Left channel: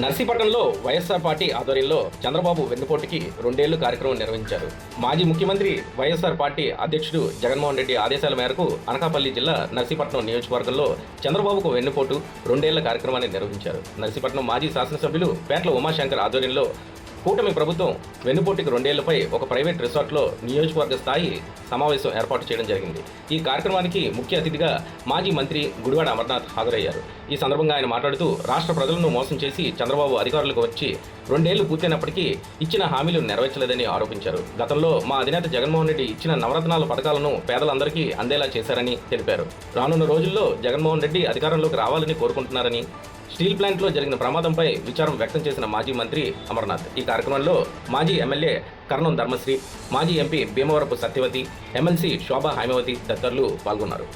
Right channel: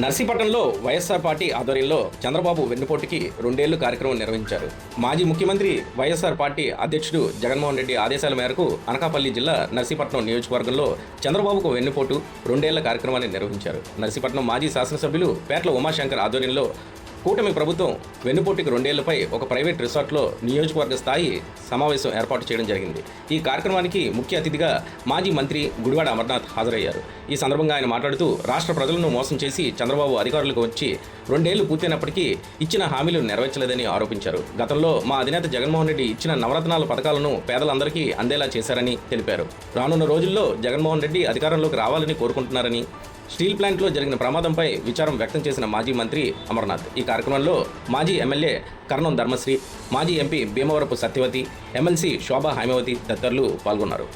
నర్సీపట్నంలో YSR party ఆధ్వర్యంలో చంద్రబాబు వెన్నుపోటుకి 2 ఏళ్లు కార్యక్రమం నిర్వహించారు. మాజీ ముఖ్యమంత్రి వైఎస్ఆర్ పార్టీ అధ్యక్షుడు జగన్మోహన్ రెడ్డి ఆదేశాల మేరకు అనకాపల్లి జిల్లా నర్సీపట్నం నియోజకవర్గంలో చంద్రబాబుకు వెన్నుపోటు 2 ఏళ్ల కార్యక్రమాన్ని నిర్వహించారు. నర్సీపట్నం మాజీ శాసనసభ్యులు పేట్ల ఉమాశంకర్ ఆధ్వర్యంలో కూటమి ప్రభుత్వం వెన్నుపోటుకి 2 ఏళ్లపై ఒక ప్రైవేట్ రిసార్ట్లో నియోజకవర్గ స్థాయి సమావేశం ఏర్పాటు చేయడం జరిగింది. ఈ కార్యక్రమానికి ముఖ్య అతిథిగా మాజీ మంత్రి గుడివాడ అమర్నాథ్ హాజరయ్యారు. ఈ సందర్భంగా ఆయన మాట్లాడుతూ రాష్ట్ర ప్రజలను మోసం చేసి చంద్రబాబు అధికారులకు వచ్చి 2 ఏళ్లు పూర్తయినప్పటికీ ఇచ్చిన హామీలు నెరవేర్చలేదని ఆరోపించారు. గతంలో మా అధినేత జగన్మోహన్ రెడ్డి ఇచ్చిన నవరత్నాల పథకాలను పేదలందరికీ అందేలా చేశారని తెలిపారు. రానున్న రోజుల్లో జగన్మోహన్ రెడ్డి అధికారంలోకి రావాలని కోరుకుంటున్నారని, స్టీల్ ప్లాంట్లో జరిగిన ప్రమాదంపై విచారం వ్యక్తం చేసిన మాజీ మంత్రి అమర్నాథ్ ఈ కార్యక్రమంలో మాజీ ఎమ్మెల్యే కర్ణం ధర్మశ్రీ, మాజీ ఎంపీ భీమవరపు సత్యవతి, ఎమ్మెల్సీ శోభా హైమవతి తదితరులు పాల్గొన్నారు.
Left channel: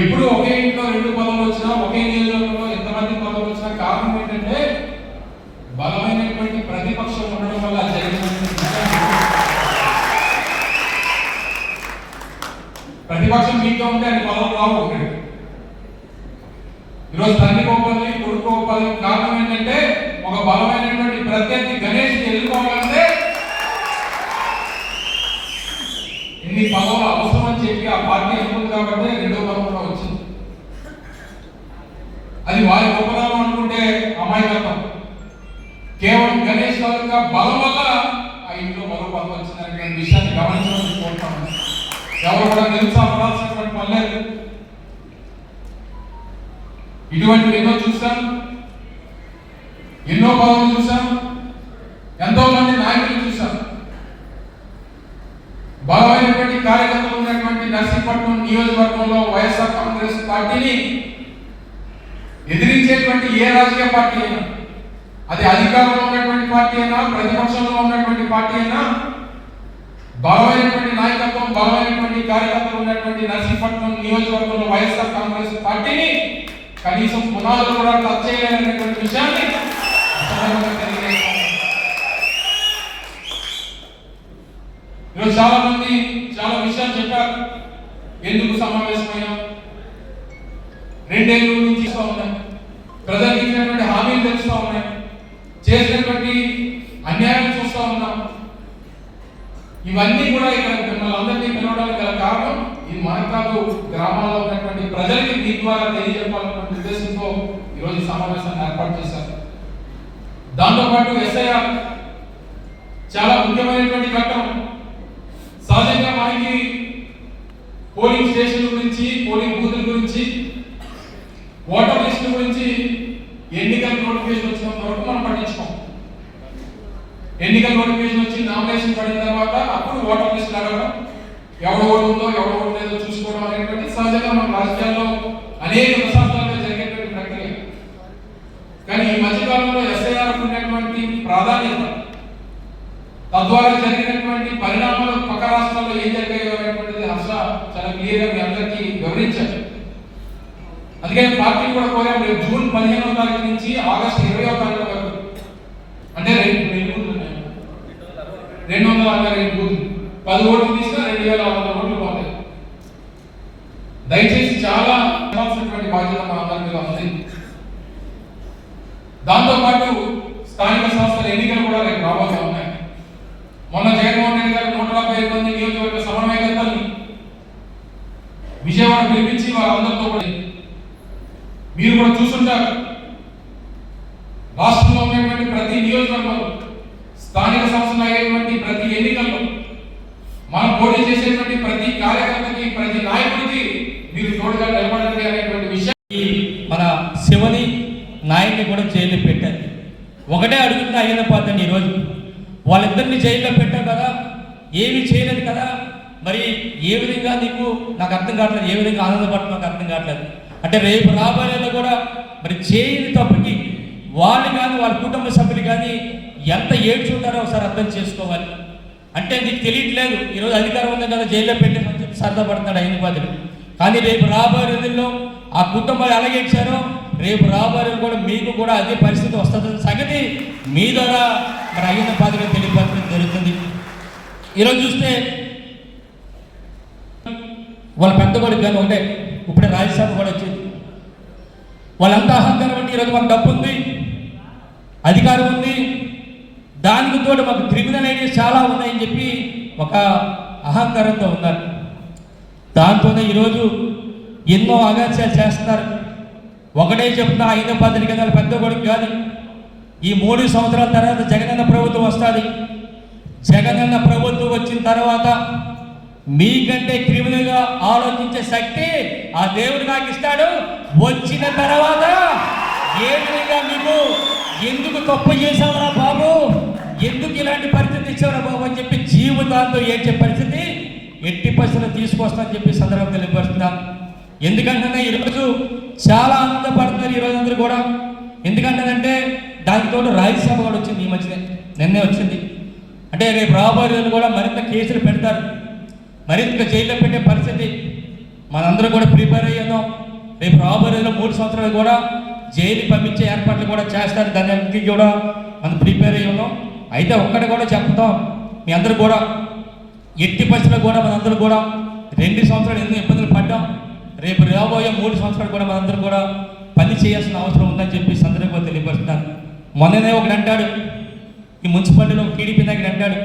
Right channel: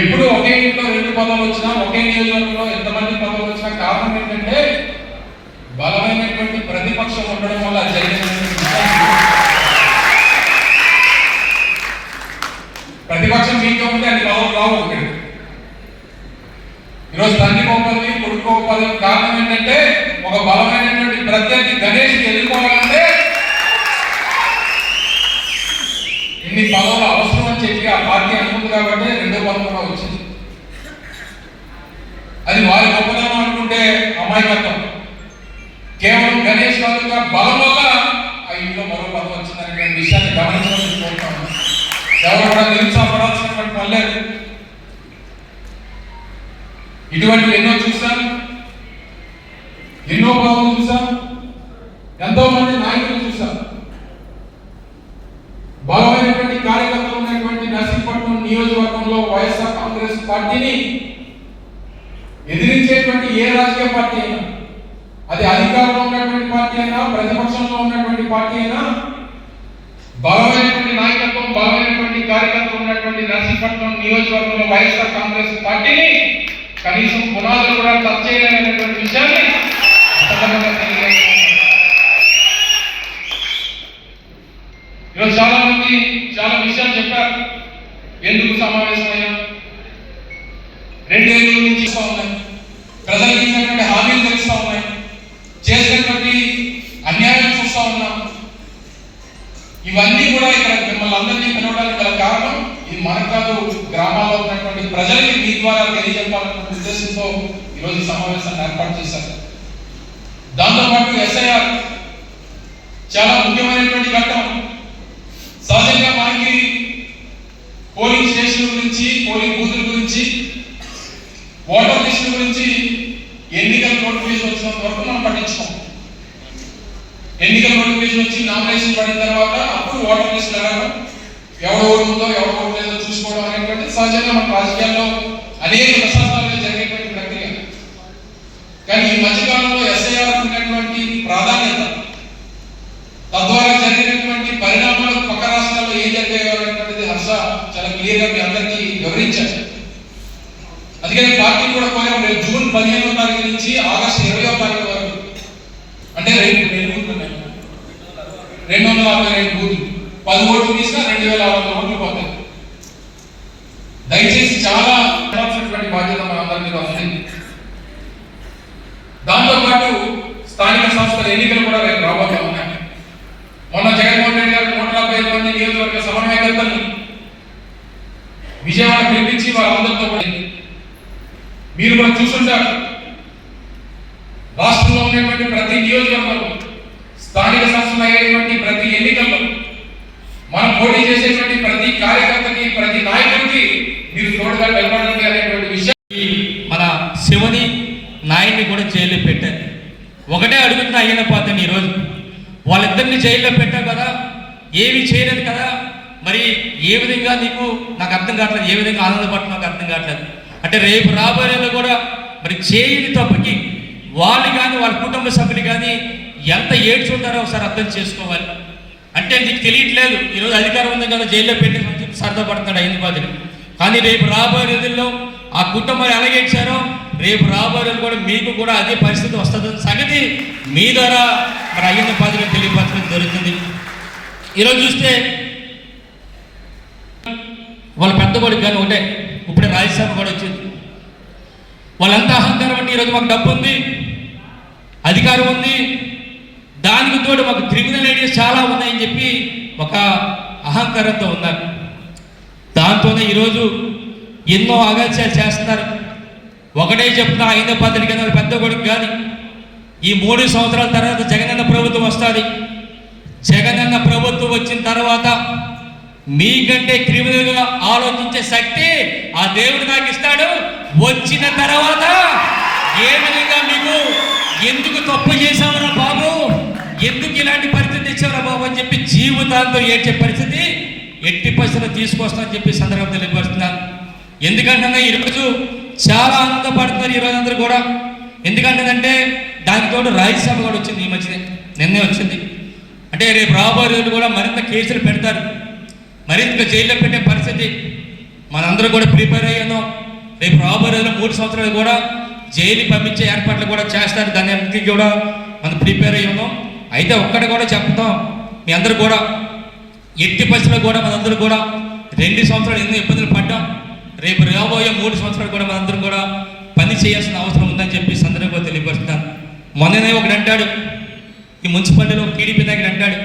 ఎప్పుడు ఒకే ఇంట్లో 2 పదవులు వచ్చినా, ఒకే నియోజకవర్గంలో ఎంతమంది పదవులు వచ్చినా కారణం ఏంటంటే బలమైనటువంటి ప్రతిపక్షం ఉండడం వల్ల ప్రతిపక్షం మీతో ఉంటే అన్ని పదవులు రావు. ఒకటి ఈరోజు తండ్రి గొప్పది, కొడుకు గొప్పది. కారణం ఏంటంటే ఒక బలమైనటువంటి ప్రత్యర్థి గణేష్ ఎదుర్కోవాలంటే ఇన్ని పదవులు అవసరం అని చెప్పి ఆ పార్టీ అనుకుంది కాబట్టి 2వ పదవులో వచ్చింది. అది వారి గొప్పదనం అనుకుంటే అమాయకత్వం. కేవలం గణేష్ తాలూకా బలం వల్ల ఆ ఇంట్లో మరో పదవి వచ్చిందనే విషయాన్ని గమనించమని కోరుతాను. ఎవరు కూడా నిరుత్సాహపడాల్సినటువంటి పని లేదు. ఇటువంటి ఎన్నో చూసాం, ఎన్నో పదవులు చూసాం, ఎంతో మంది నాయకులు చూసాం. బలమైనటువంటి కార్యకర్తలు ఉన్నటువంటి నర్సీపట్నం నియోజకవర్గంలో వైఎస్ఆర్ కాంగ్రెస్ పార్టీని ఎదిరించేటువంటి ఏ రాజకీయ పార్టీ అయినా, అది అధికారంలో ఉన్నటువంటి పార్టీ అయినా, ప్రతిపక్షంలో ఉన్నటువంటి పార్టీ అయినా, బలమైనటువంటి నాయకత్వం, బలమైనటువంటి కార్యకర్తలు ఉన్నటువంటి నర్సీపట్నం నియోజకవర్గంలో వైఎస్ఆర్ కాంగ్రెస్ పార్టీని కనీసం పునాదులు కూడా టచ్ చేయలేనటువంటి విషయాన్ని ఈరోజు చాలా మంది చాలా విషయాలు చెప్పారు. ఎందుకు సమావేశమయ్యాం, 2 ఏళ్ళ నుంచి ఉన్నాయి, ప్రజలకు ఇచ్చినటువంటి హామీలు తెలుస్తూ ఉన్నాయి, చేసినటువంటి అన్యాయం చూస్తూ ఉన్నాం. ఇవన్నీ కూడా ఇక్కడ మిమ్మల్ని అందరినీ పిలవడానికి గల కారణం ఇది మనకాదు గ్రామాల్లో ఉన్నటువంటి ప్రజలకి మీ ద్వారా తెలియజెప్పాలన్న ఉద్దేశంతో ఈరోజు సమావేశాన్ని ఏర్పాటు చేశారు. దాంతోపాటు ఎస్ఐఆర్ చాలా ముఖ్యమైనటువంటి ఘట్టం. సహజంగా మనకి పోలింగ్ స్టేషన్ గురించి, పోలింగ్ బూతుల గురించి, ఓటర్ లిస్టు గురించి ఎన్నికల నోటిఫికేషన్ వచ్చినంత వరకు మనం పట్టించుకోం. ఎన్నికల నోటిఫికేషన్ వచ్చి నామినేషన్ పడిన తర్వాత అప్పుడు ఓటర్ లిస్ట్ అడగడం, ఎవరు ఓటు ఉందో ఎవరు ఓటు లేదో చూసుకోవడం అనేటువంటి సహజంగా మన రాజకీయాల్లో అనేక దశాబ్దాలుగా జరిగేటువంటి ప్రక్రియ. కానీ ఈ మధ్యకాలంలో ఎస్ఐఆర్ ఉన్నటువంటి ప్రాధాన్యత, తద్వారా జరిగినటువంటి పరిణామాలు పక్క రాష్ట్రాల్లో ఏం జరిగాయో అనేటువంటిది హర్ష చాలా క్లియర్గా మీ అందరికీ వివరించారు. అందుకని పార్టీ కూడా కోరాం, రేపు జూన్ 15వ తారీఖు నుంచి ఆగస్టు 20వ తారీఖు వరకు, అంటే 262 బూతులు, 10 ఓట్లు తీసినా 2600 ఓట్లు పోతాయి. దయచేసి చాలా బాధ్యత మన అందరి మీద ఉంది. దాంతోపాటు స్థానిక సంస్థల ఎన్నికలు కూడా రేపు రాబోతా ఉన్నాయి. మొన్న జగన్మోహన్ రెడ్డి గారు 175 మంది నియోజకవర్గ సమన్వయకర్తలు విజయవాడ పిలిపించి వారందరితో మీరు కూడా చూస్తుంటారు. రాష్ట్రంలో ఉన్నటువంటి ప్రతి నియోజకవర్గంలో, స్థానిక సంస్థలు అయ్యేటువంటి ప్రతి ఎన్నికల్లో మనం పోటీ చేసేటువంటి ప్రతి కార్యకర్తకి, ప్రతి నాయకుడికి మీరు తోడుగా నిలబడండి అనేటువంటి విషయం. మన శివని నాయన్ని కూడా జైల్లో పెట్టారు. ఒకటే అడుగుతున్న అయ్యన పాత్రని ఈరోజు వాళ్ళిద్దరిని జైల్లో పెట్టావు కదా, ఏమీ చేయలేదు కదా, మరి ఏ విధంగా నీకు నాకు అర్థం కావట్లేదు, ఏ విధంగా ఆనందపడుతున్నా నాకు అర్థం కావట్లేదు. అంటే రేపు రాబోయేలో కూడా మరి చేయని తప్పకి వాళ్ళని కానీ వాళ్ళ కుటుంబ సభ్యుని కానీ ఎంత ఏడ్చుంటారో ఒకసారి అర్థం చేసుకోవాలి. అంటే నీకు తెలియట్లేదు, ఈరోజు అధికారం ఉంది కదా జైల్లో పెట్టామని చెప్పి సరదాపడుతున్నాడు అయిన బాధ్యత. కానీ రేపు రాబోయే రోజుల్లో ఆ కుటుంబాలు ఎలాగేడ్చారో రేపు రాబోయే కూడా మీకు కూడా అదే పరిస్థితి వస్తుంది సంగతి మీ ద్వారా మరి అయ్యన్న బాధ్యత తెలియపరచడం జరుగుతుంది. ఈరోజు చూస్తే వాళ్ళ పెద్ద కొడుకు కానీ ఒకటే, ఇప్పుడే రాజ్యసభ కూడా వచ్చింది. వాళ్ళంతా అహంకారం అంటే ఈరోజు మాకు డబ్బు ఉంది, అధికారం ఉంది, దానికి తోడు మాకు క్రిమినల్ ఐడియాస్ చాలా ఉన్నాయని చెప్పి ఒక అహంకారంతో ఉన్నారు. దాంతోనే ఈరోజు ఎన్నో అగత్యాలు చేస్తున్నారు. ఒకటే చెప్తున్నా, 5 పద్ధతి కింద పెద్ద కొడుకు కానీ ఈ 3 సంవత్సరాల తర్వాత జగనన్న ప్రభుత్వం వస్తుంది. జగనన్న ప్రభుత్వం వచ్చిన తర్వాత మీకంటే క్రిమినల్గా ఆలోచించే శక్తి ఆ దేవుడు నాకు ఇస్తాడు. వచ్చిన తర్వాత ఏ విధంగా మీకు ఎందుకు తప్పు చేసావురా బాబు, ఎందుకు ఇలాంటి పరిస్థితి ఇచ్చావురా బాబు అని చెప్పి జీవితాంతో ఏడ్చే పరిస్థితి ఎట్టి పరిస్థితులు తీసుకొస్తానని చెప్పి సందర్భంగా తెలియపరుస్తున్నాను. ఎందుకంటే ఈరోజు చాలా ఆనందపడుతున్నారు ఈరోజు అందరూ కూడా. ఎందుకంటే దానికి తోడు రాజ్యసభ కూడా వచ్చింది, ఈ మధ్యనే నిన్నే వచ్చింది. అంటే రేపు రాబోయే రోజులు కూడా మరింత కేసులు పెడతారు, మరింత జైల్లో పెట్టే పరిస్థితి మనందరూ కూడా ప్రిపేర్ అయ్యాం. రేపు రాబోయే రోజుల్లో 3 సంవత్సరాలు కూడా జైలు పంపించే ఏర్పాట్లు కూడా చేస్తారు. దాని అన్నిటికీ కూడా మనం ప్రిపేర్ అయ్యి ఉన్నాం. అయితే ఒక్కటి కూడా చెప్తాం, మీ అందరూ కూడా ఎట్టి పరిస్థితుల్లో కూడా మనందరూ కూడా 2 సంవత్సరాలు ఎన్నో ఇబ్బందులు పడ్డాం. రేపు రాబోయే 3 సంవత్సరాలు కూడా మనందరూ కూడా పని చేయాల్సిన అవసరం ఉందని చెప్పి సందర్భంగా తెలియపరుస్తున్నాను. మొన్ననే ఒకటి అంటాడు, ఈ మున్సిపాలిటీలో టీడీపీ నాయకుడు అంటాడు,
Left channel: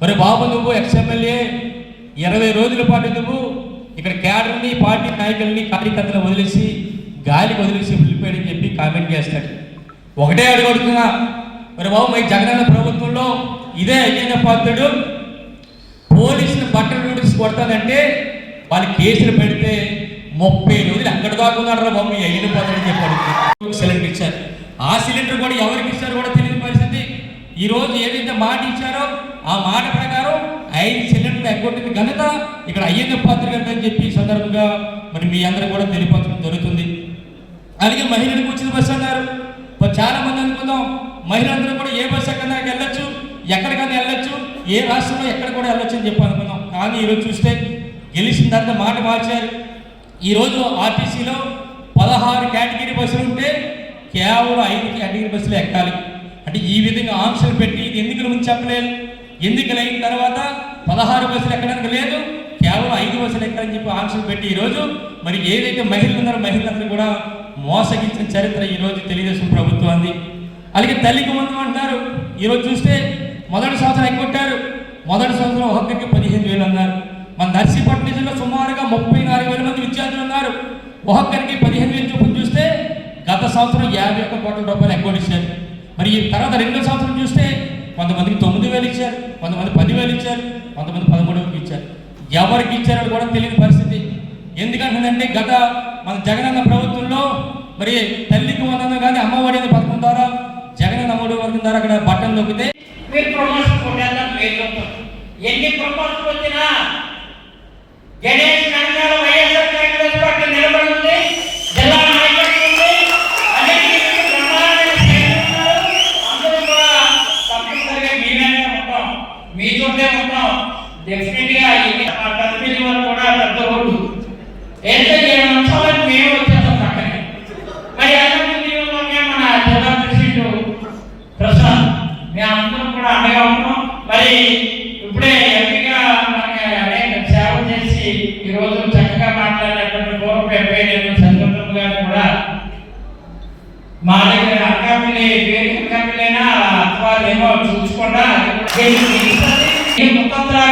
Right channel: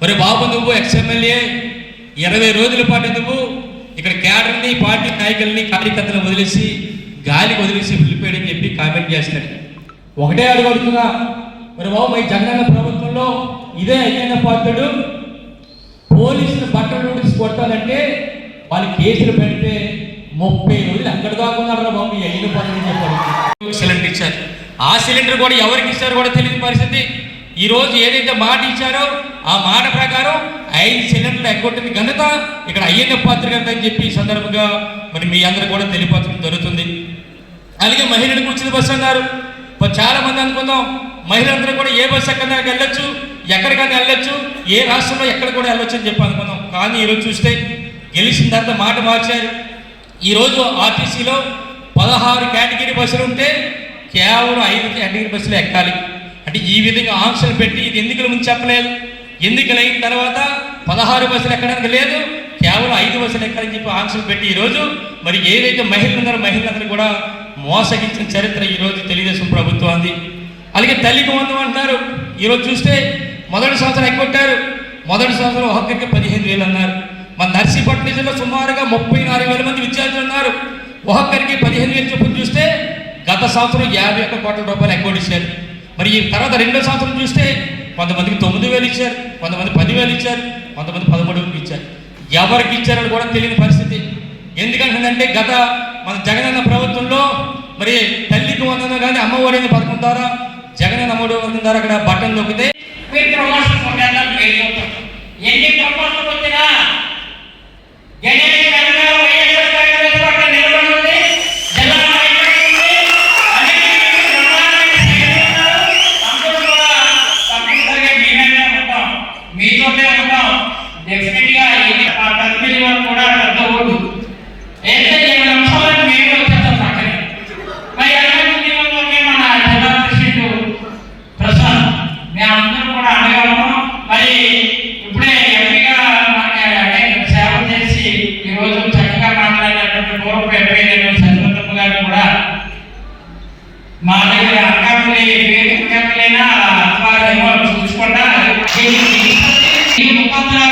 మరి బాబు నువ్వు ఎక్స్ఎమ్మెల్యే 20 రోజుల పాటు నువ్వు ఇక్కడ క్యాడర్ని, పార్టీ నాయకుల్ని, కార్యకర్తలను వదిలేసి గాలికి వదిలేసి వెళ్ళిపోయాడని చెప్పి కామెంట్ చేస్తాడు. ఒకటే అడుగుతున్నా, మరి బాబు మరి జగనన్న ప్రభుత్వంలో ఇదే అయ్యన్న పాత్రుడు పోలీసులు బట్టలు నోటీస్ కొడతానంటే వాళ్ళు కేసులు పెడితే 30 రోజులు ఎక్కడ దాకా ఉన్నాడు బాబు మీ అయ్యన్న పాత్రుడు చెప్పాడు. సిలిండర్ ఇచ్చారు, ఆ సిలిండర్ కూడా ఎవరికి ఇచ్చారో కూడా తెలియని పరిస్థితి. ఈరోజు ఏదైతే మాట ఇచ్చారో ఆ మాట ప్రకారం 5 సిలిండర్లు ఎగ్గొట్టిన ఘనత ఇక్కడ అయ్యన్న పాత్ర అని చెప్పి ఈ సందర్భంగా మరి మీ అందరూ కూడా తెలియపరచడం జరుగుతుంది. అలాగే మహిళలకు ఉచిత బస్సు అన్నారు. చాలా మంది అనుకుందాం మహిళలందరూ కూడా ఏ బస్సు ఎక్కడికైనా వెళ్ళొచ్చు, ఎక్కడికైనా వెళ్ళొచ్చు, ఏ రాష్ట్రంలో ఎక్కడ కూడా వెళ్ళొచ్చు అని చెప్పి అనుకున్నాం. కానీ ఈరోజు చూస్తే గెలిచిన తర్వాత మాట మార్చారు. ఈరోజు ఆర్టీసీలో 16 కేటగిరీ బస్సులు ఉంటే కేవలం 5 కేటగిరీ బస్సులు ఎక్కాలి. అంటే ఈ విధంగా ఆంక్షలు పెట్టి ఇది ఎన్నికల ముందు చెప్పలేదు, ఎన్నికలు అయిన తర్వాత 16 బస్సులు ఎక్కడానికి లేదు, కేవలం 5 బస్సులు ఎక్కాలని చెప్పి ఆంక్షలు పెట్టి ఈరోజు మరి ఏదైతే మహిళలు ఉన్నారో మహిళలందరూ కూడా మోసగించిన చరిత్ర ఈరోజు తెలుగుదేశం ప్రభుత్వాన్ని. అలాగే తల్లికి వందనం అంటున్నారు. ఈరోజు చూస్తే మొదటి సంవత్సరం ఎగ్గొట్టారు. మొదటి సంవత్సరం ఒక్కొక్కరికి 15,000 అన్నారు. మన నర్సీపట్నం జిల్లాలో సుమారుగా 34,000 మంది విద్యార్థులు ఉన్నారు. ఒక్కొక్కరికి 15,000 చొప్పున చూస్తే గత సంవత్సరం 51 కోట్ల రూపాయలు ఎగ్గొట్టించారు. మరి ఈ తర్వాత 2వ సంవత్సరం చూస్తే కొంతమందికి 9,000 ఇచ్చారు, కొంతమంది 10,000 ఇచ్చారు, కొంతమంది 13,000 ఇచ్చారు. ఎవరికి ఇచ్చారని కూడా తెలియని పరిస్థితి. ఎందుకంటే గత మన జగనన్న ప్రభుత్వంలో మరి తల్లికి వందనం కానీ అమ్మఒడి అనే పథకం ద్వారా జగనన్న అమ్మఒడి పథకం ద్వారా అక్కడ బటన్ నొక్కితే ఎన్ని ప్రమోషన్లు వచ్చినా గణేష్ గారు వైఎస్ఆర్ కాంగ్రెస్ పార్టీ నిలబడి ఉంది, జిల్లా నాయకులు ఉంది, అందరూ కూడా తప్పనిసరిగా మీనే ఉంటాం, మీతోనే ఉంటాం. డెఫినెట్గా ఆ తల్లి కూడా పెద్ద ఓటు అయితే 7 నిమిషాలకు మేము వచ్చేస్తాం పక్కనే. మరి అన్నమూల్యంలోనే మన జిల్లా ప్రెసిడెంట్ ప్రసాద్ మేమందరం కూడా అండగా ఉన్నాం. మరి ఇప్పుడే ఎంపీగా మనకి అనేక సేవ చేసి ఈరోజు చక్కగా మాట్లాడినటువంటి పూర్వ ఎంపీ సంతోషం గారు కూడా మా దగ్గర అనకాపల్లి వేదికైనా అథవా చూసుకుంటా ముఖంగా